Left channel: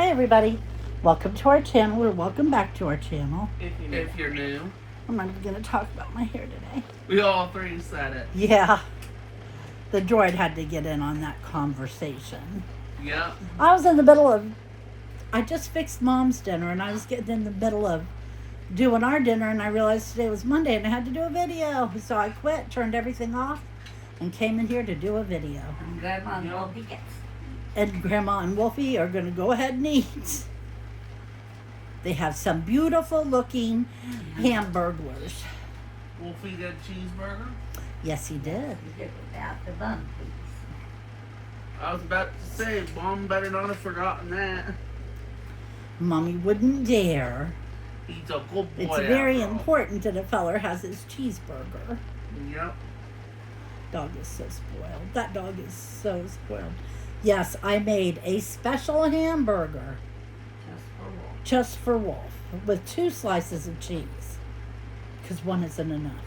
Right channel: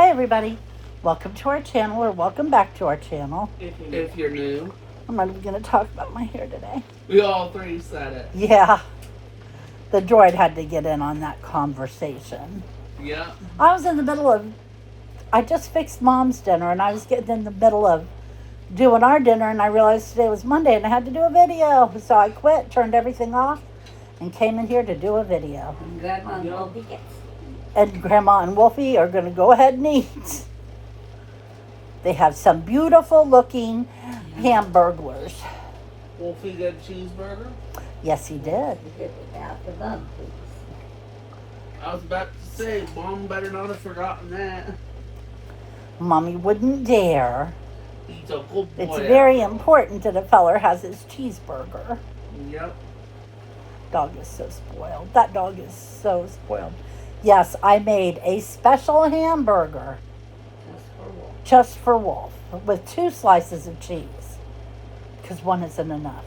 Hi everybody, welcome to our channel, or welcome back to our channel. If you're new. I'm not even going to talk about my hair today. We all three said it. Yeah, the droid had to get in on that conversation. Yeah. I was in the middle of, I just fixed Mom's dinner, and I was getting in the middle of doing our dinner, and I realized today was Monday and I had to do a video. So I quit, turned everything off, and came in here to do a video. And Grandma and Wolfie gets. And Grandma and Wolfie are going to go ahead and eat. They have some beautiful looking hamburgers. Wolfie got a cheeseburger? Yes, he did. Without the bun piece. I was about to say, Mom better not have forgotten that. Mommy wouldn't dare. He's a good boy. It's very important that a feller has his cheeseburger. Yep. Dog is so spoiled. That dog is so spoiled. Yes, I made a special hamburger just for Wolf with 2 slices of cheese because one isn't enough.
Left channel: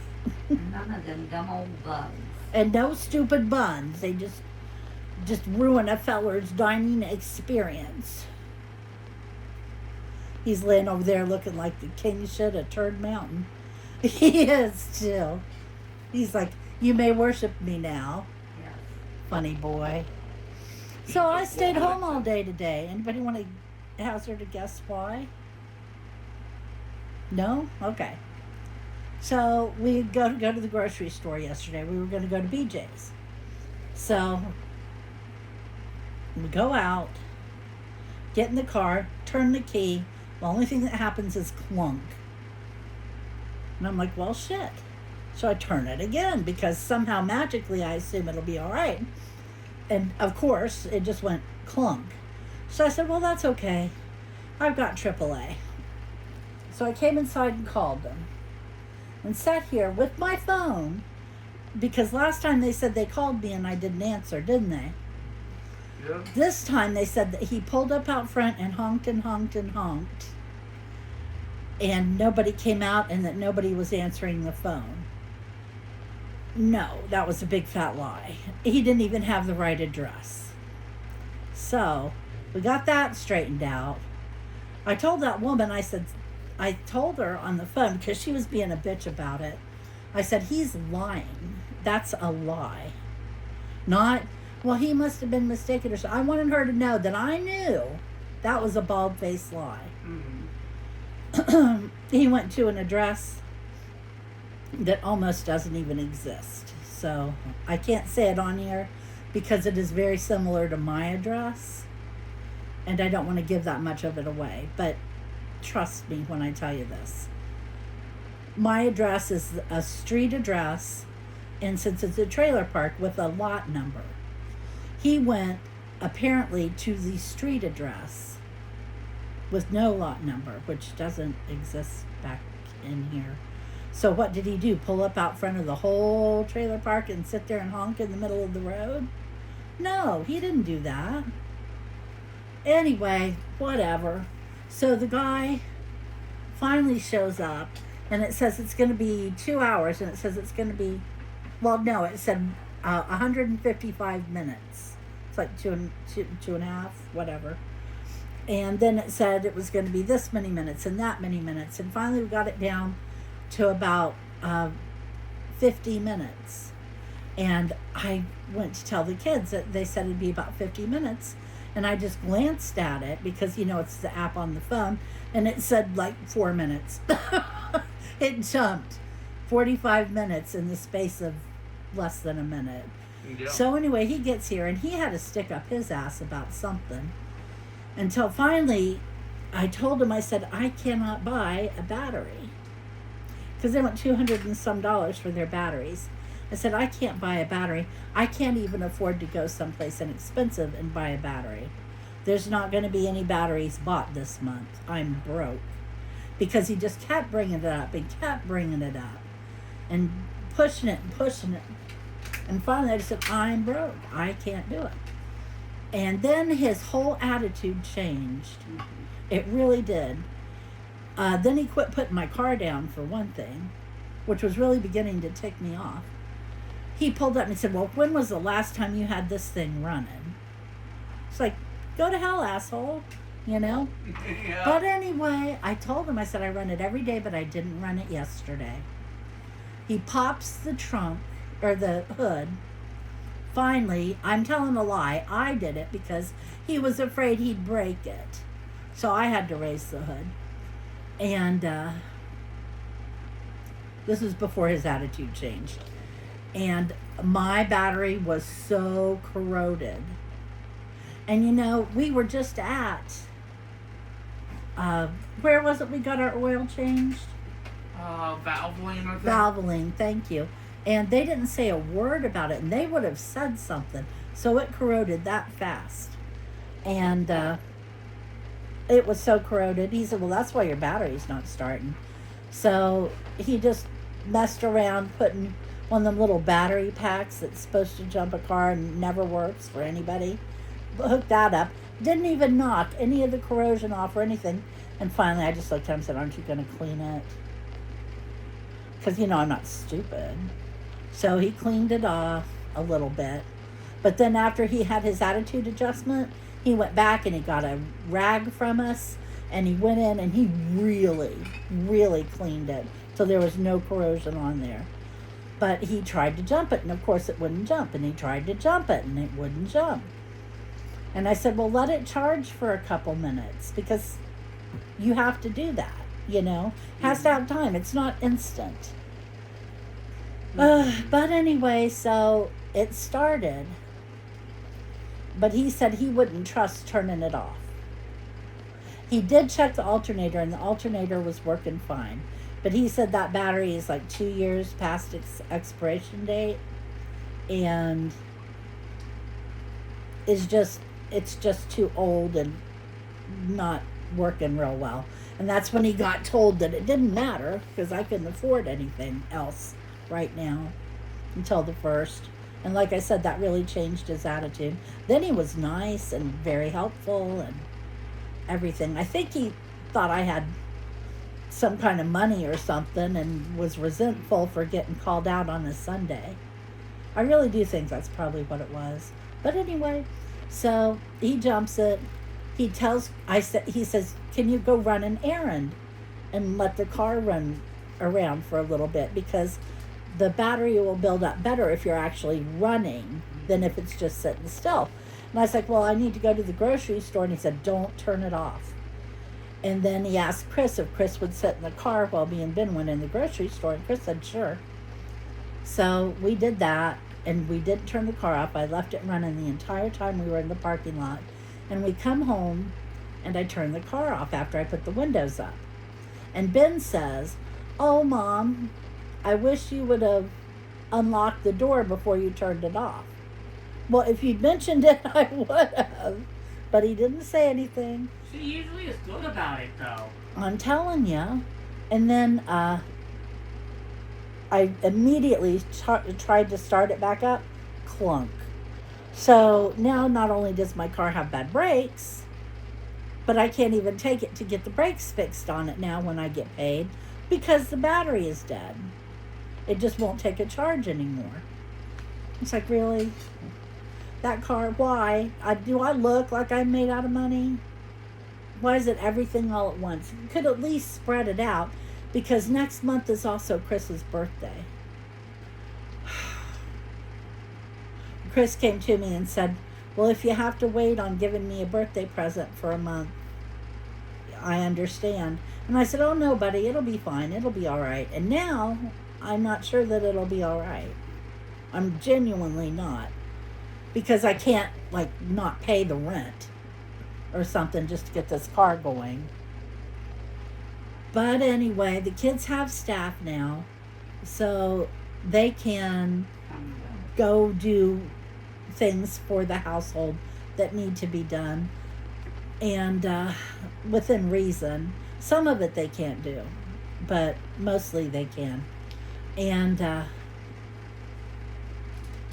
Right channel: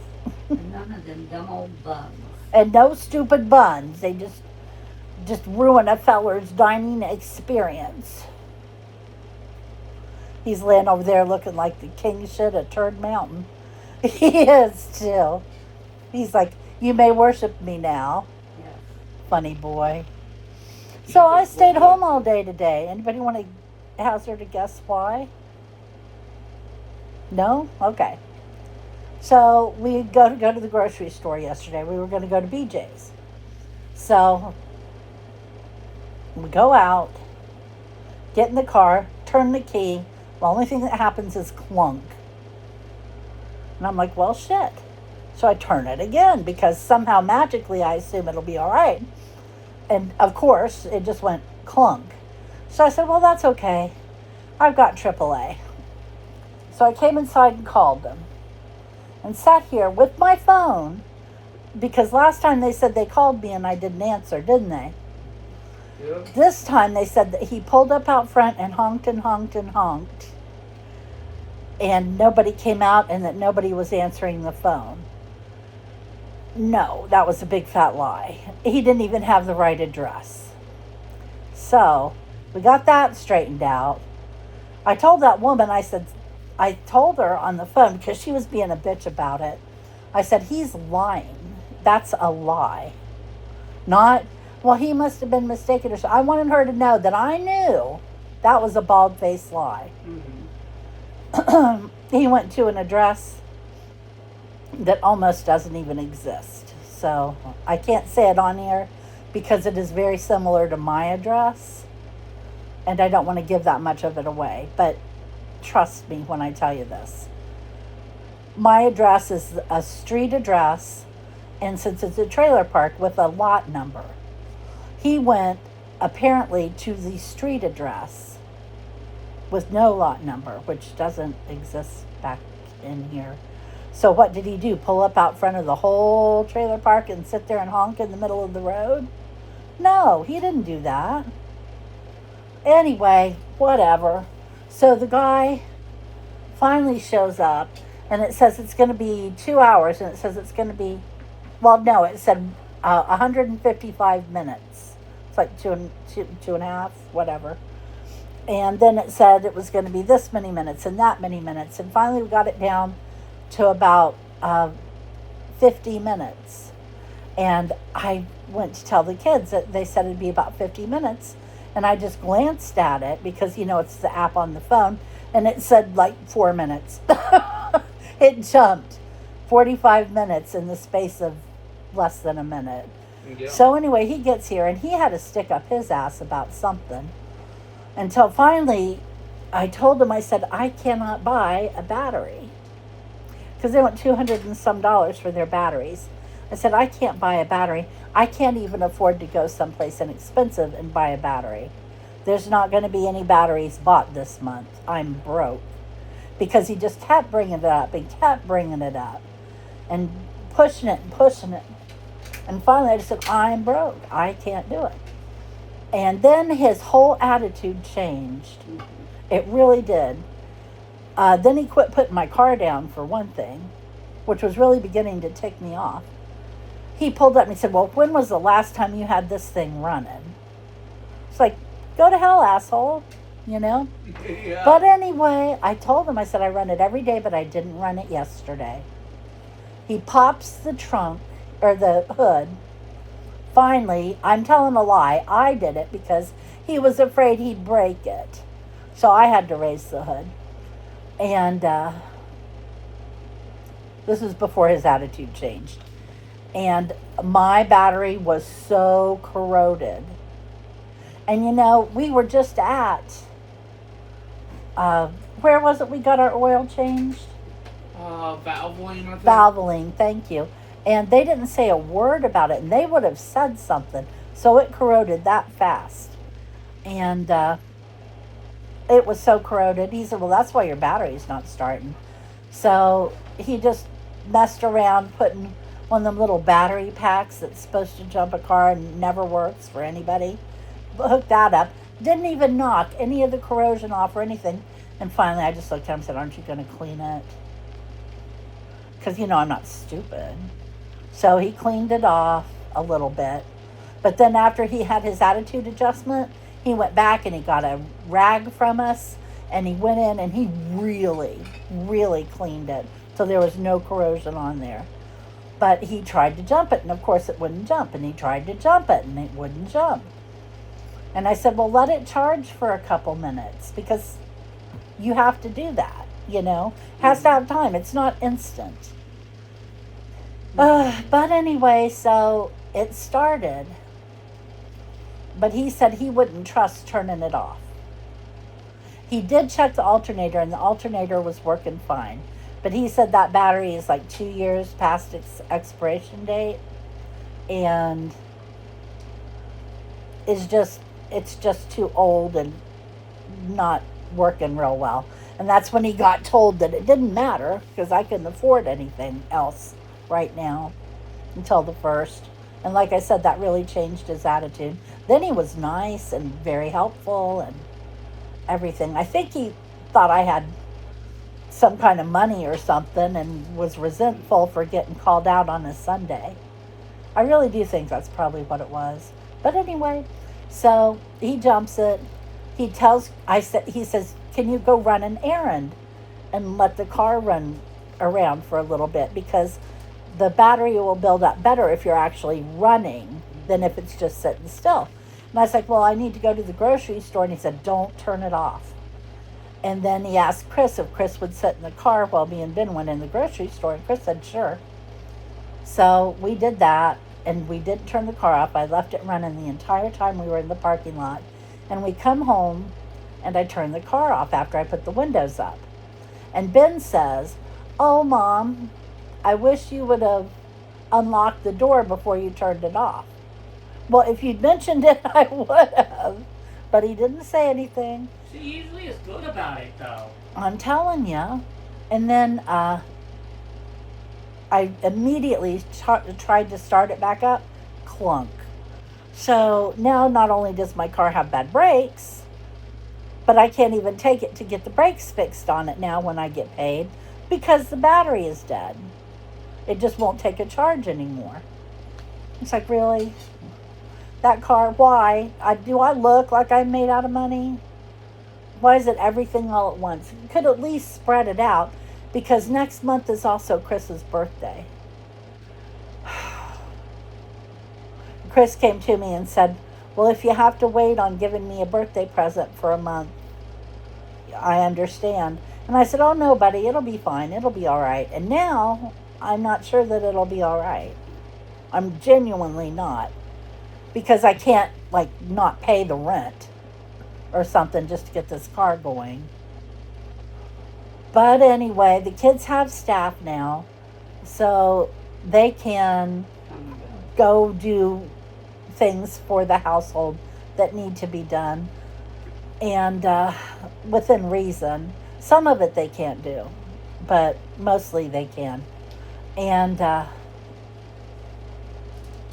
None of them dumb old buns. And no stupid buns. They just ruin a feller's dining experience. He's laying over there looking like the king shit at Turd Mountain. He is still. He's like, you may worship me now. Yeah. Funny boy. So I stayed home all day today. Anybody want to hazard a guess why? No? Okay. So we go to the grocery store yesterday. We were going to go to BJ's. So we go out, get in the car, turn the key. The only thing that happens is clunk. And I'm like, well, shit. So I turn it again because somehow magically I assume it'll be all right. And of course, it just went clunk. So I said, well, that's okay. I've got AAA. So I came inside and called them and sat here with my phone because last time they said they called me and I didn't answer, didn't they? Yep. This time they said that he pulled up out front and honked and honked and honked. And nobody came out and that nobody was answering the phone. No, that was a big fat lie. He didn't even have the right address. So we got that straightened out. I told that woman, I told her on the phone because she was being a bitch about it. I said, he's lying. That's a lie. Not, well, he must have been mistaken or something. I wanted her to know that I knew that was a bald-faced lie. Mm-hmm. He went to an address that almost doesn't even exist. So I can't say it on here because it is very similar to my address. And I don't want to give that much of it away. But trust me when I tell you this. My address is a street address. And since it's a trailer park with a lot number, he went apparently to the street address with no lot number, which doesn't exist back in here. So what did he do? Pull up out front of the whole trailer park and sit there and honk in the middle of the road? No, he didn't do that. Anyway, whatever. So the guy finally shows up, and it says it's going to be 2 hours, and it says it's going to be, well, no, it said 155 minutes. It's like two and a half, whatever. And then it said it was going to be this many minutes and that many minutes. And finally we got it down to about 50 minutes. And I went to tell the kids that they said it'd be about 50 minutes. And I just glanced at it because, you know, it's the app on the phone. And it said like 4 minutes. It jumped 45 minutes in the space of less than a minute. Yep. So anyway, he gets here and he had to stick up his ass about something. Until finally, I told him, I said, I cannot buy a battery. Because they want $200 and some for their batteries. I said, I can't buy a battery. I can't even afford to go someplace inexpensive and buy a battery. There's not going to be any batteries bought this month. I'm broke. Because he just kept bringing it up and kept bringing it up. And pushing it and pushing it. And finally I just said, I'm broke. I can't do it. And then his whole attitude changed. It really did. Then he quit putting my car down, for one thing, which was really beginning to tick me off. He pulled up and he said, well, when was the last time you had this thing running? It's like, go to hell, asshole. you know? Yeah. But anyway, I told him, I said, I run it every day, but I didn't run it yesterday. He pops the trunk, or the hood. Finally, I'm telling a lie, I did it because he was afraid he'd break it. So I had to raise the hood. And this was before his attitude changed. And my battery was so corroded. And you know, we were just at, where was it we got our oil changed? Valvoline, I think. Valvoline, thank you. And they didn't say a word about it, and they would have said something. So it corroded that fast. And it was so corroded. He said, well, that's why your battery's not starting. So he just messed around putting one of them little battery packs that's supposed to jump a car and never works for anybody. Hooked that up. Didn't even knock any of the corrosion off or anything. And finally I just looked at him and said, aren't you going to clean it? Because, you know, I'm not stupid. So he cleaned it off a little bit. But then after he had his attitude adjustment, he went back and he got a rag from us. And he went in and he really, really cleaned it. So there was no corrosion on there. But he tried to jump it. And of course it wouldn't jump. And he tried to jump it and it wouldn't jump. And I said, well, let it charge for a couple minutes. Because you have to do that, you know. Has to have time. It's not instant. But anyway, so it started. But he said he wouldn't trust turning it off. He did check the alternator, and the alternator was working fine. But he said that battery is like 2 years past its expiration date. And it's just too old and not working real well. And that's when he got told that it didn't matter because I couldn't afford anything else right now until the 1st. And like I said, that really changed his attitude. Then he was nice and very helpful and everything. I think he thought I had some kind of money or something and was resentful for getting called out on a Sunday. I really do think that's probably what it was. But anyway, so he jumps it. He says, can you go run an errand and let the car run around for a little bit, because the battery will build up better if you're actually running than if it's just sitting still. And I was like, well, I need to go to the grocery store. And he said, don't turn it off. And then he asked Chris if Chris would sit in the car while me and Ben went in the grocery store. And Chris said, sure. So we did that, and we didn't turn the car off. I left it running the entire time we were in the parking lot. And we come home, and I turned the car off after I put the windows up. And Ben says, oh, Mom, I wish you would have unlocked the door before you turned it off. Well, if you'd mentioned it, I would have. But he didn't say anything. She usually is good about it, though. I'm telling you. And then I immediately tried to start it back up. Clunk. So now not only does my car have bad brakes, but I can't even take it to get the brakes fixed on it now when I get paid because the battery is dead. It just won't take a charge anymore. It's like, really? That car, why? Do I look like I'm made out of money? Why is it everything all at once? You could at least spread it out, because next month is also Chris's birthday. Chris came to me and said, well, if you have to wait on giving me a birthday present for a month, I understand. And I said, oh, no, buddy, it'll be fine. It'll be all right. And now I'm not sure that it'll be all right. I'm genuinely not. Because I can't, not pay the rent or something just to get this car going. But anyway, the kids have staff now, so they can go do things for the household that need to be done, and within reason. Some of it they can't do, but mostly they can. And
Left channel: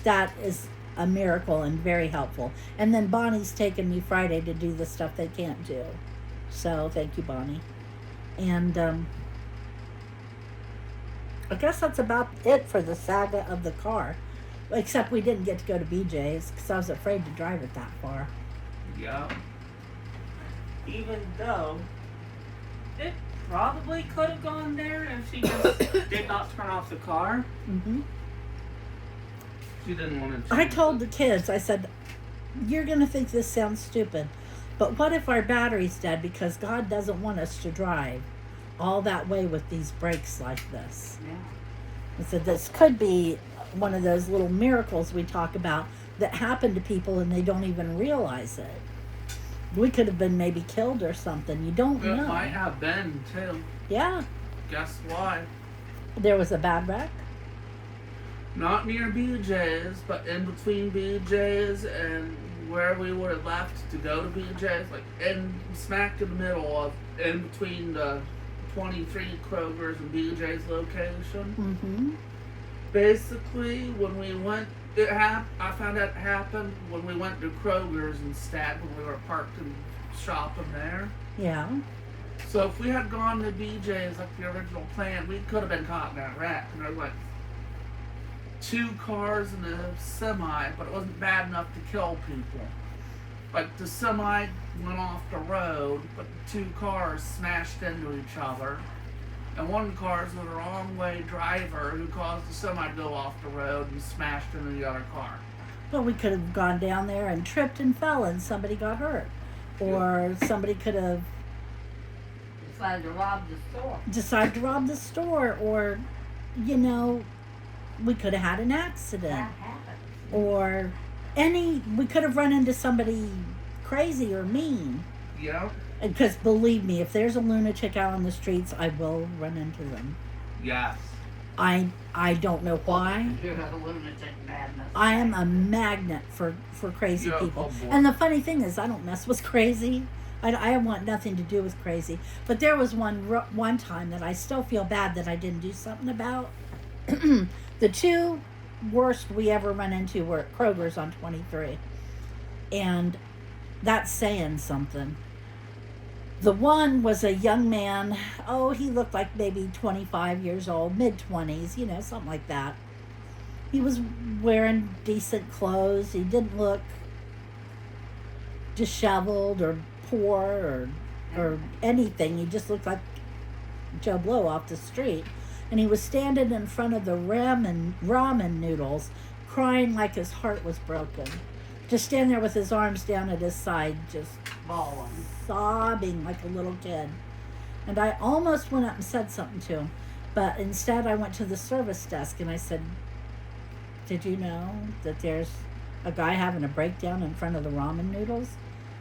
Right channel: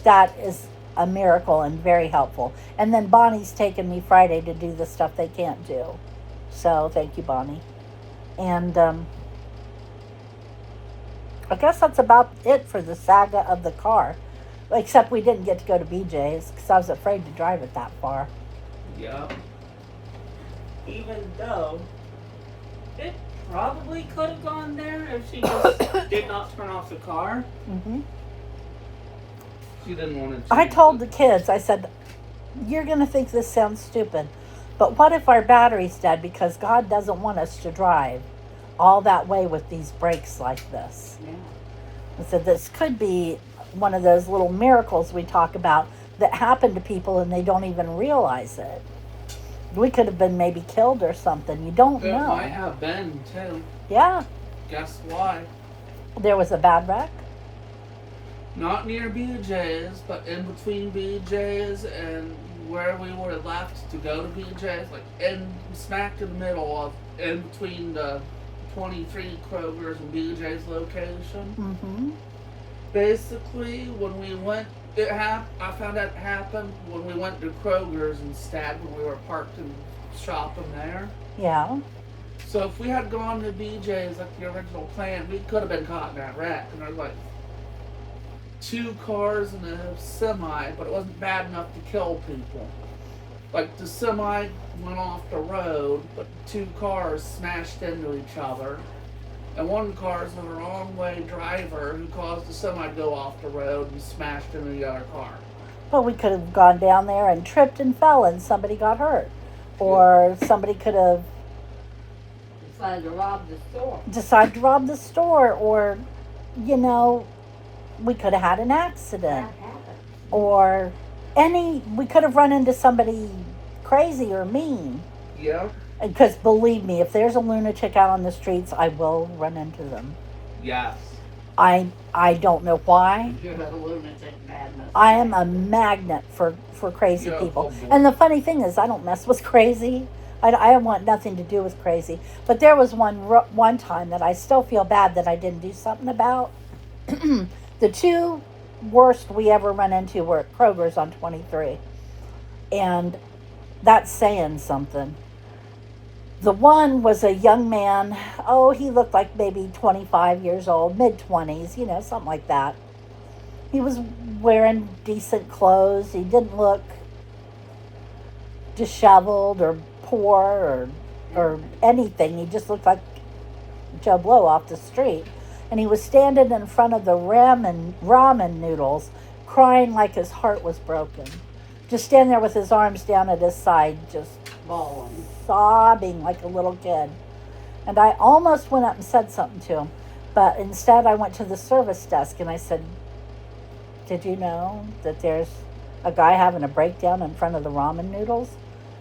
that is a miracle and very helpful. And then Bonnie's taken me Friday to do the stuff they can't do. So thank you, Bonnie. And I guess that's about it for the saga of the car. Except we didn't get to go to BJ's because I was afraid to drive it that far. Yeah. Even even though it probably could have gone there if she just did not turn off the car. Mm-hmm. She didn't want to. I told the kids, I said, you're going to think this sounds stupid, but what if our battery's dead because God doesn't want us to drive all that way with these brakes like this? Yeah. I said, this could be one of those little miracles we talk about that happen to people and they don't even realize it. We could have been maybe killed or something. You don't It know. might have been too. Yeah. Guess why? There was a bad wreck. Not near BJ's, but in between BJ's and where we would have left to go to BJ's, like smack in the middle of, in between the 23 Kroger's and BJ's location. Mm-hmm. Basically, when we went, I found out it happened when we went to Kroger's instead, when we were parked and shopping there. Yeah. So if we had gone to BJ's like the original plan, we could have been caught in that wreck. And there were like 2 cars and a semi, but it wasn't bad enough to kill people. Like the semi went off the road, but 2 cars smashed into each other. And one car's the wrong way driver who caused the semi to go off the road and smashed into the other car. Well, we could have gone down there and tripped and fell and somebody got hurt. Or somebody could have Decided to rob the store. decided to rob the store. Or, you know, we could have had an That accident. happened. Or we could have run into somebody crazy or mean. Yeah, Because believe me, if there's a lunatic out on the streets, I will run into them. yes. I don't know why. You're a lunatic madness. I am a magnet for crazy Yeah, people. oh boy. And the funny thing is, I don't mess with crazy. I want nothing to do with crazy. But there was one time that I still feel bad that I didn't do something about. The 2 worst we ever run into were at Kroger's on 23. And that's saying something. The one was a young man. Oh, he looked like maybe 25 years old, mid-20s, you know, something like that. He was wearing decent clothes. He didn't look disheveled or poor or anything. He just looked like Joe Blow off the street. And he was standing in front of the ramen noodles, crying like his heart was broken. Just standing there with his arms down at his side, just Bawling. sobbing like a little kid. And I almost went up and said something to him, but instead I went to the service desk and I said, did you know that there's a guy having a breakdown in front of the ramen noodles?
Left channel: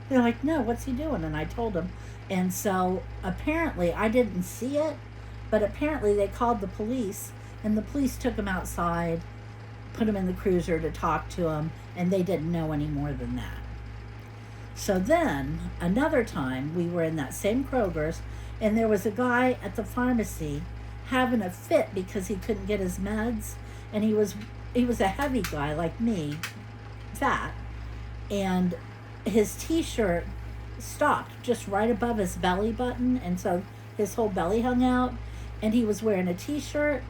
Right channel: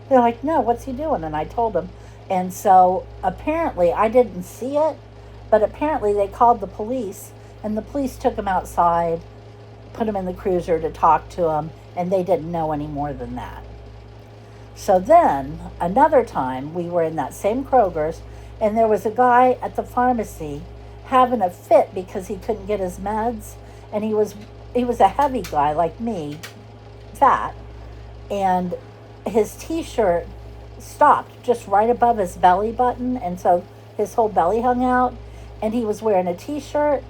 They're like, no, what's he doing? And I told him. And so apparently I didn't see it, but apparently they called the police, and the police took him outside, put him in the cruiser to talk to him, and they didn't know any more than that. So then, another time, we were in that same Kroger's, and there was a guy at the pharmacy having a fit because he couldn't get his meds, and he was a heavy guy like me, fat, and his t-shirt stopped just right above his belly button, and so his whole belly hung out, and he was wearing a t-shirt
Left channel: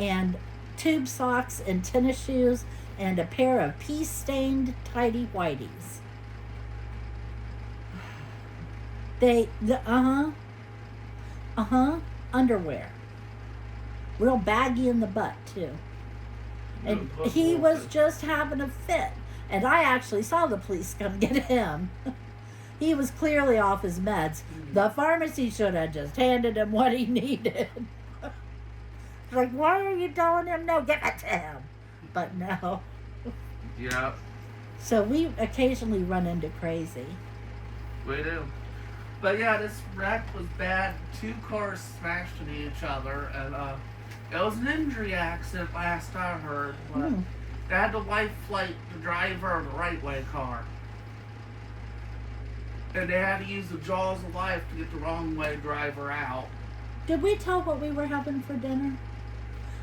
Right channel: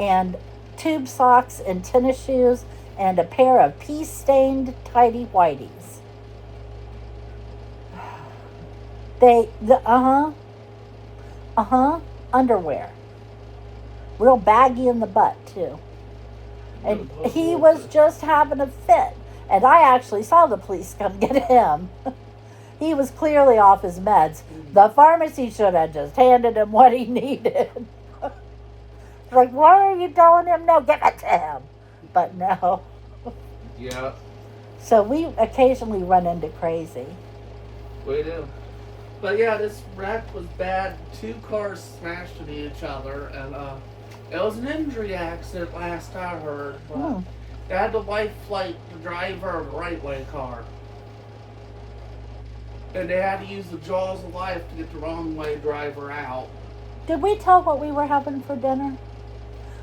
and tube socks and tennis shoes and a pair of pea-stained tidy whities. Underwear. Real baggy in the butt, too. And he was just having a fit. And I actually saw the police come get him. He was clearly off his meds. The pharmacy should have just handed him what he needed. Like, why are you telling him no? Give it to him. But no. Yeah, So we occasionally run into crazy. we do. But yeah, this wreck was bad. 2 cars smashed into each other, and it was an injury accident last I heard. But they had to life flight the driver of the right way car. And they had to use the jaws of life to get the wrong way driver out. Did we tell what we were having for dinner?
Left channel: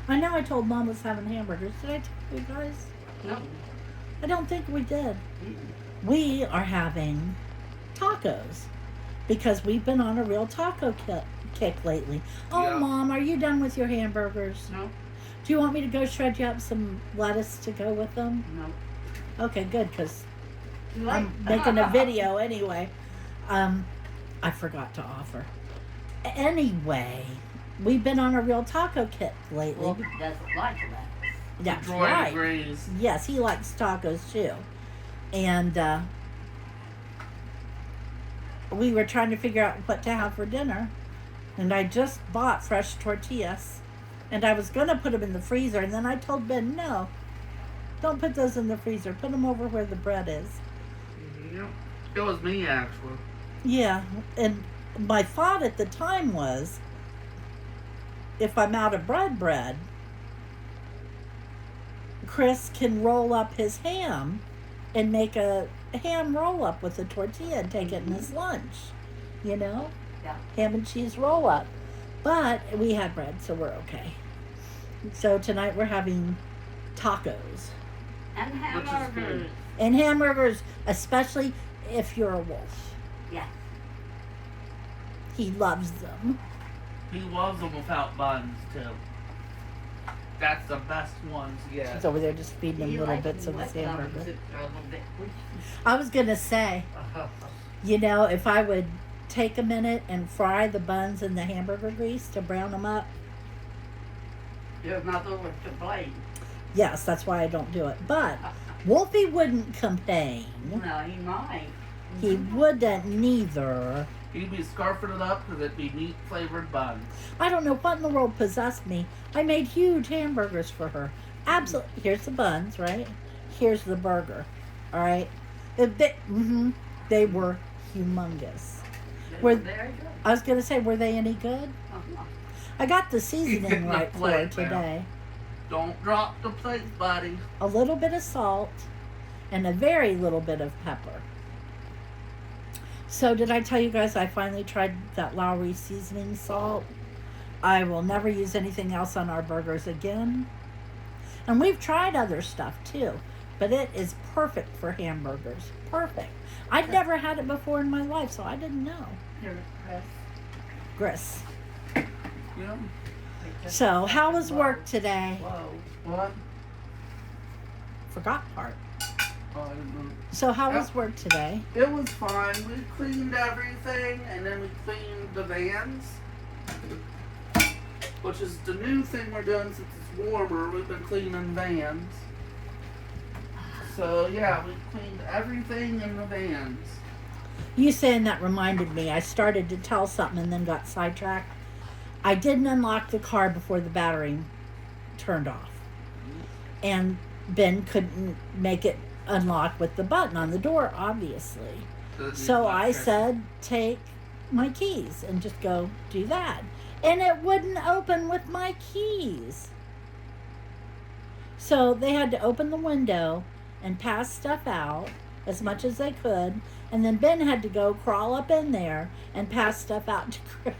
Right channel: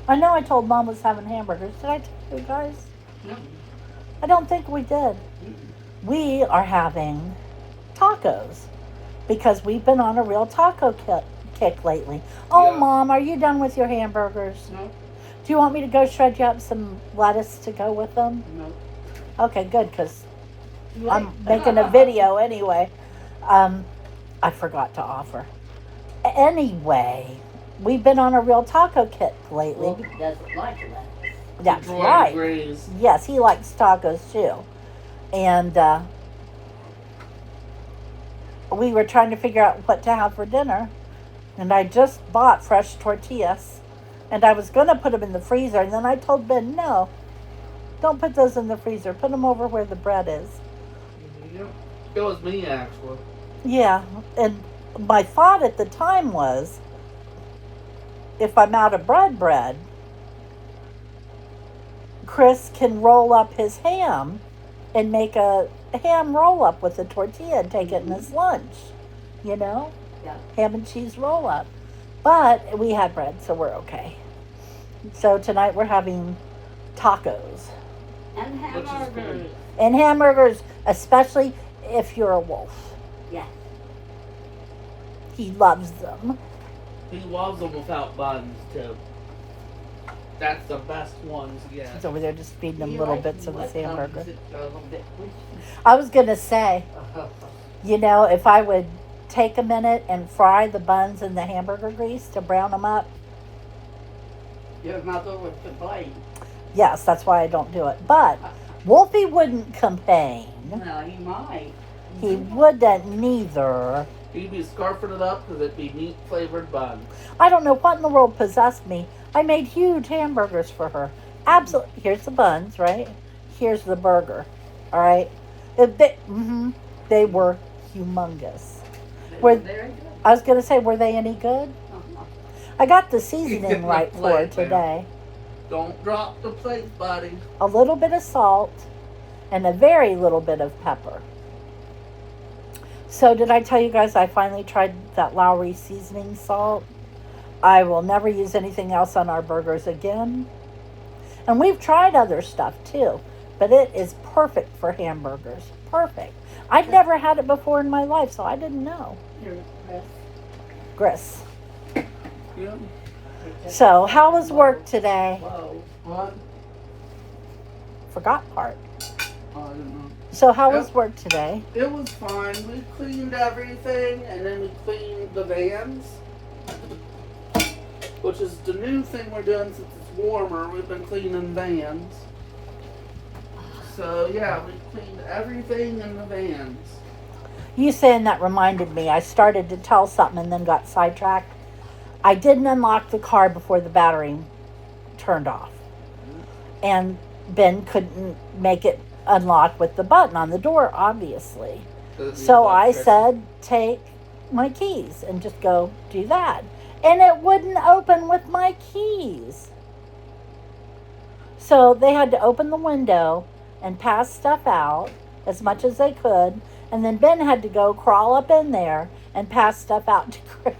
I know I told Mom was having hamburgers. Did I tell you guys? No. I don't think we did. We are having tacos because we've been on a real taco kick lately. Oh, Yeah. Mom, are you done with your hamburgers? No. Do you want me to go shred you up some lettuce to go with them? No. Okay, good, because I'm making a video anyway. I forgot to offer. Anyway, we've been on a real taco kick lately. Well, he doesn't like that. That's Troy right. agrees. Yes, he likes tacos too. And we were trying to figure out what to have for dinner. And I just bought fresh tortillas. And I was going to put them in the freezer. And then I told Ben, no, don't put those in the freezer. Put them over where the bread is. Yep. It was me, actually. Yeah. And my thought at the time was, if I'm out of bread, Chris can roll up his ham and make a ham roll up with a tortilla and take it in his lunch. You know? Yeah. Ham and cheese roll up. But we had bread, so we're okay. So tonight we're having tacos. And Which is hamburgers. And hamburgers, especially if you're a wolf. Yeah. He loves them. He loves them without buns, too. That's the best ones yet. He's over there just feeding them He little likes bits them of his with hamburger. buns, it's a little bit I was going to say, you know, if I would take a minute and fry the buns in the hamburger grease to brown them up, Your mother would complain. yes, that's why I don't do it. But Wolfie wouldn't complain. Well, he might. He wouldn't neither. He'd be scarfing it up because it'd be meat-flavored buns. I don't know what in the world possessed me. I made huge hamburgers for her. Absolutely. Here's the buns, right? Here's the burger. All right? They were humongous. Were- Very good. I was going to say, were they any good? Uh-huh. I got the seasoning Getting right the for plate her now. today. Don't drop the plate, buddy. A little bit of salt and a very little bit of pepper. So did I tell you guys I finally tried that Lowry seasoning salt? I will never use anything else on our burgers again. And we've tried other stuff too, but it is perfect for hamburgers. Perfect. I'd never had it before in my life, so I didn't know. Here, Grist. Yeah. Chris. So how was work today? Whoa. What? Forgot part. Oh, I didn't know. So how was work today? It was fine. We cleaned everything, and then we cleaned the vans, which is the new thing we're doing since it's warmer. We've been cleaning vans. So yeah, we cleaned everything in the vans. You saying that reminded me. I started to tell something and then got sidetracked. I didn't unlock the car before the battery turned off. And Ben couldn't make it unlock with the button on the door, obviously. So I said, take my keys and just go do that. And it wouldn't open with my keys. So they had to open the window and pass stuff out as much as they could. And then Ben had to go crawl up in there and pass stuff out to Chris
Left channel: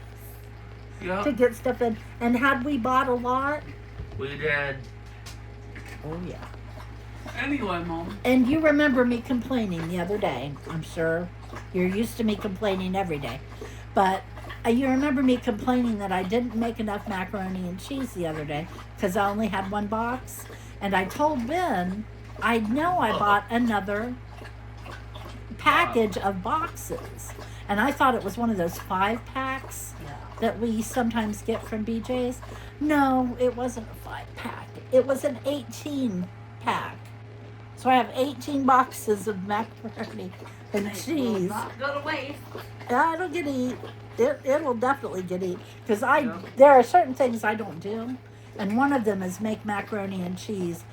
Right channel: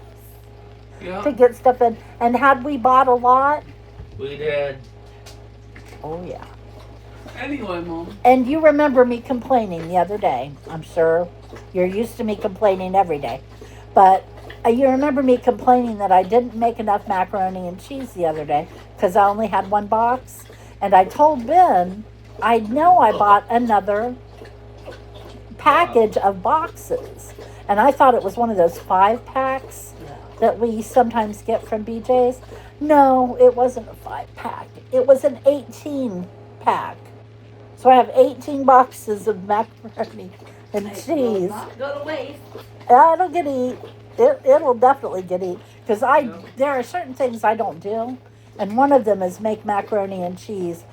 Yeah, to get stuff in. And had we bought a lot? we did. Oh, yeah. Anyway, Mom. And you remember me complaining the other day. I'm sure you're used to me complaining every day. But you remember me complaining that I didn't make enough macaroni and cheese the other day because I only had one box. And I told Ben, I know I bought another package of boxes. And I thought it was one of those 5-packs that we sometimes get from BJ's. No, it wasn't a 5-pack. It was an 18-pack. So I have 18 boxes of macaroni and It will cheese. not go to waste. It'll get eat. It'll definitely get eat. Because there are certain things I don't do. And one of them is make macaroni and cheese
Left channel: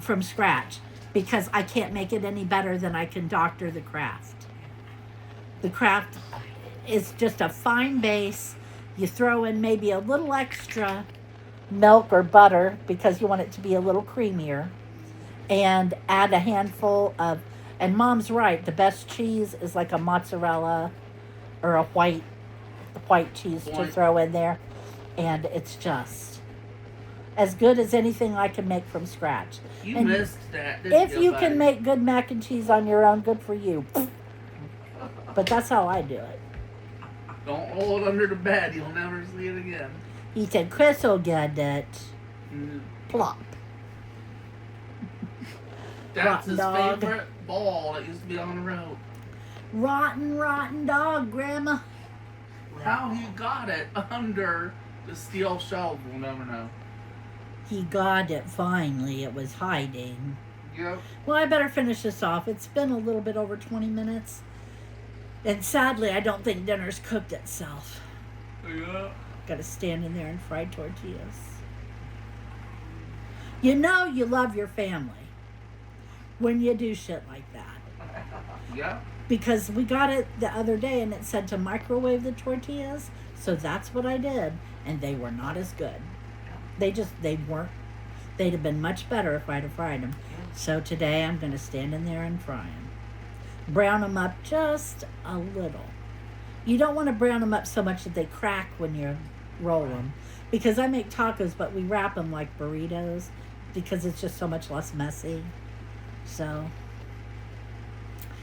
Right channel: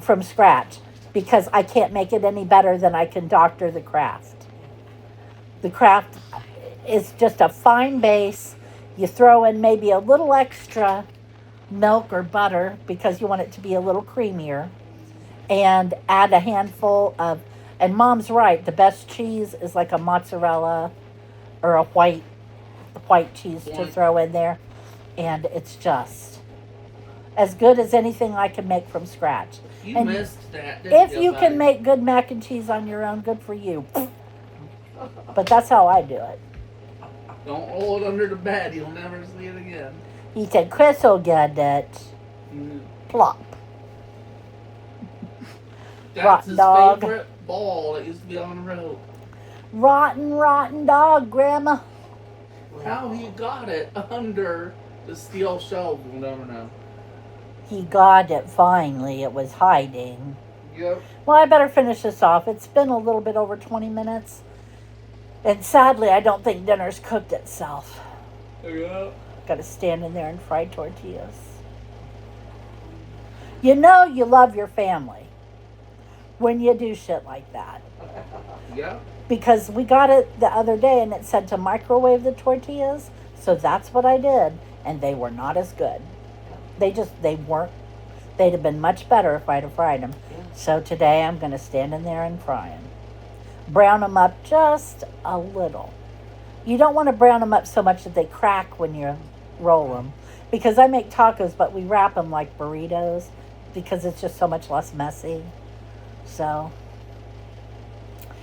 from scratch. Because I can't make it any better than I can doctor the Kraft. The Kraft is just a fine base. You throw in maybe a little extra milk or butter because you want it to be a little creamier. And add a handful of, and Mom's right, the best cheese is like a mozzarella or a white cheese to White. throw in there. And it's just as good as anything I can make from scratch. You And missed that, didn't If you can buddy? make good mac and cheese on your own, good for you. But that's how I do it. Don't roll it under the bed. You'll never see it again. He said, Chris will get it. Mm. Plop. That's Rotten his dog. favorite ball that used to be on the rope. Rotten dog, Grandma. How he got it under the steel shelf, we'll never know. He got it finally. It was hiding. Yep. Well, I better finish this off. It's been a little bit over 20 minutes. And sadly, I don't think dinner's cooked itself. Yeah. Got to stand in there and fry tortillas. You know you love your family when you do shit like that. Yeah. Because we got it the other day and it said to microwave the tortillas. So that's what I did. And they were not as good. They weren't. They'd have been much better if I'd have fried them. So today I'm going to stand in there and fry them. Brown them up just a little. You don't want to brown them up so much that they crack when you roll them. Because I make tacos, but we wrap them like burritos because it's just so much less messy. So,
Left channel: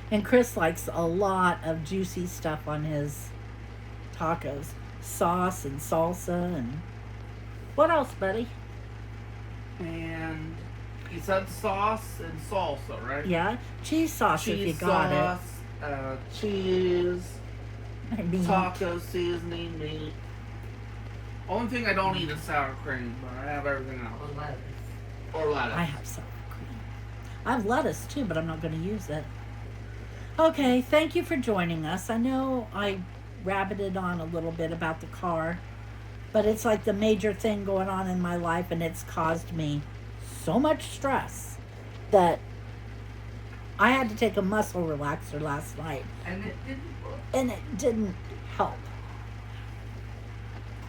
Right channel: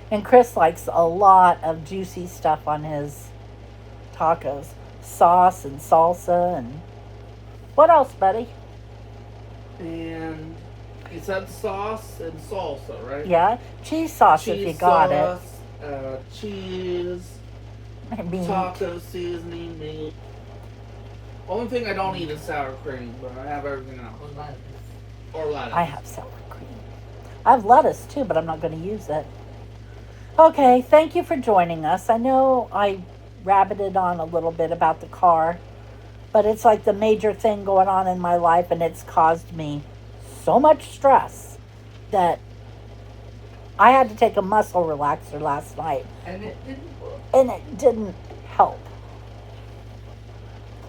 and Chris likes a lot of juicy stuff on his tacos. Sauce and salsa and what else, buddy? And you said sauce and salsa, right? Yeah, cheese sauce if you got sauce, cheese, it. Meat. taco seasoning, meat. Only thing I don't eat is sour cream, but I have everything else. Or lettuce. I have sour cream. I have lettuce too, but I'm not going to use it. Okay, thank you for joining us. I know I rabbited on a little bit about the car, but it's like the major thing going on in my life, and it's caused me so much stress that I had to take a muscle relaxer last night, And it didn't work. and it didn't help.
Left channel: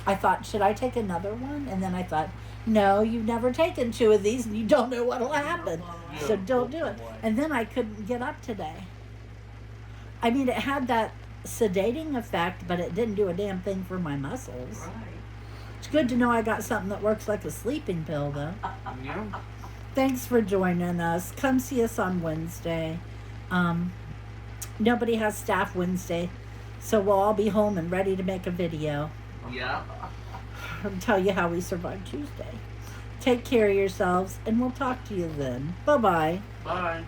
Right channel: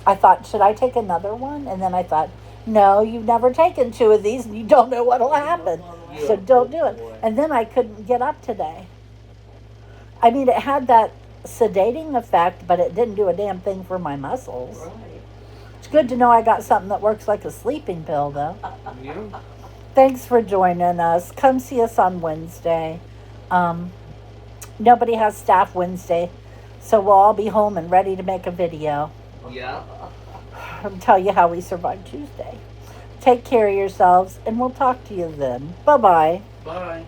I thought, should I take another one? And then I thought, no, you've never taken 2 of these and you don't know what'll happen. Yeah, So don't do good it. boy. And then I couldn't get up today. I mean, it had that sedating effect, but it didn't do a damn thing for my muscles. Right. It's good to know I got something that works like a sleeping pill, though. Yeah. Thanks for joining us. Come see us on Wednesday. Nobody has staff Wednesday, so we'll all be home and ready to make a video. Yeah. I'll tell you how we survived Tuesday. Take care of yourselves, and we'll talk to you then. Bye-bye. Bye.